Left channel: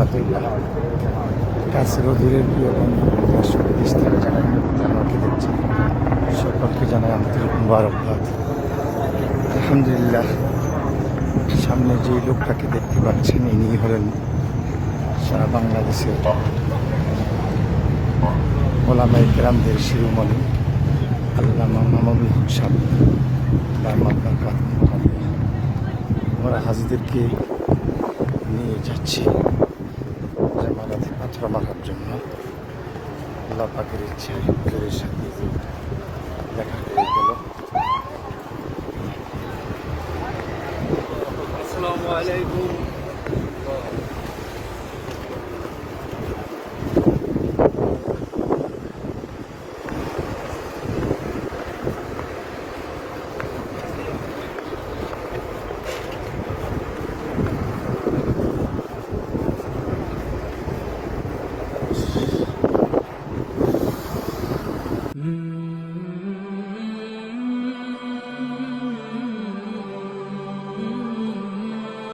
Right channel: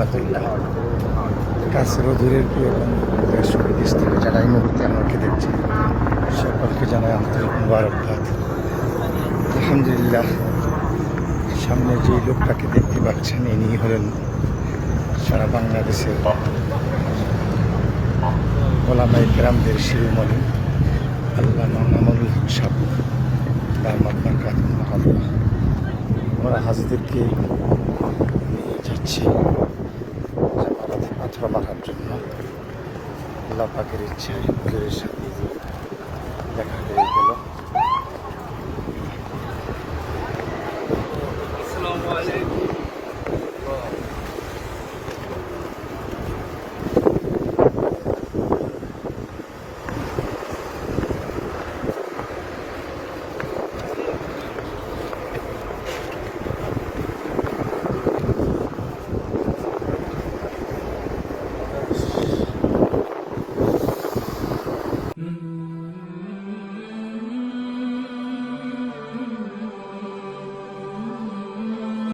রহমতুল্লাহ কাছের ও দূরের প্রিয় বন্ধু দেশ বিদেশ থেকে যারা এই মুহূর্তে আমাকে দেখছে? সকলকে জানাই আন্তরিক মুবারকবাদ আলহামদুলিল্লাহ, সামনে যে লোকটাকে দেখতে পাচ্ছেন, ইনি হলেন সারা বাংলাদেশের ওলামাই কেরামদের শিরোমণি আল্লাহ মামুনুল হক সাহ তার কাকুন মহাল্লা আমরা হাজিদেরকে নিয়ে যাচ্ছি পাথর মারার জন্য আল্লাহ পাখির ইচ্ছায় সাথে দেখা হয়ে গেল। আসসালামু আলাইকুম।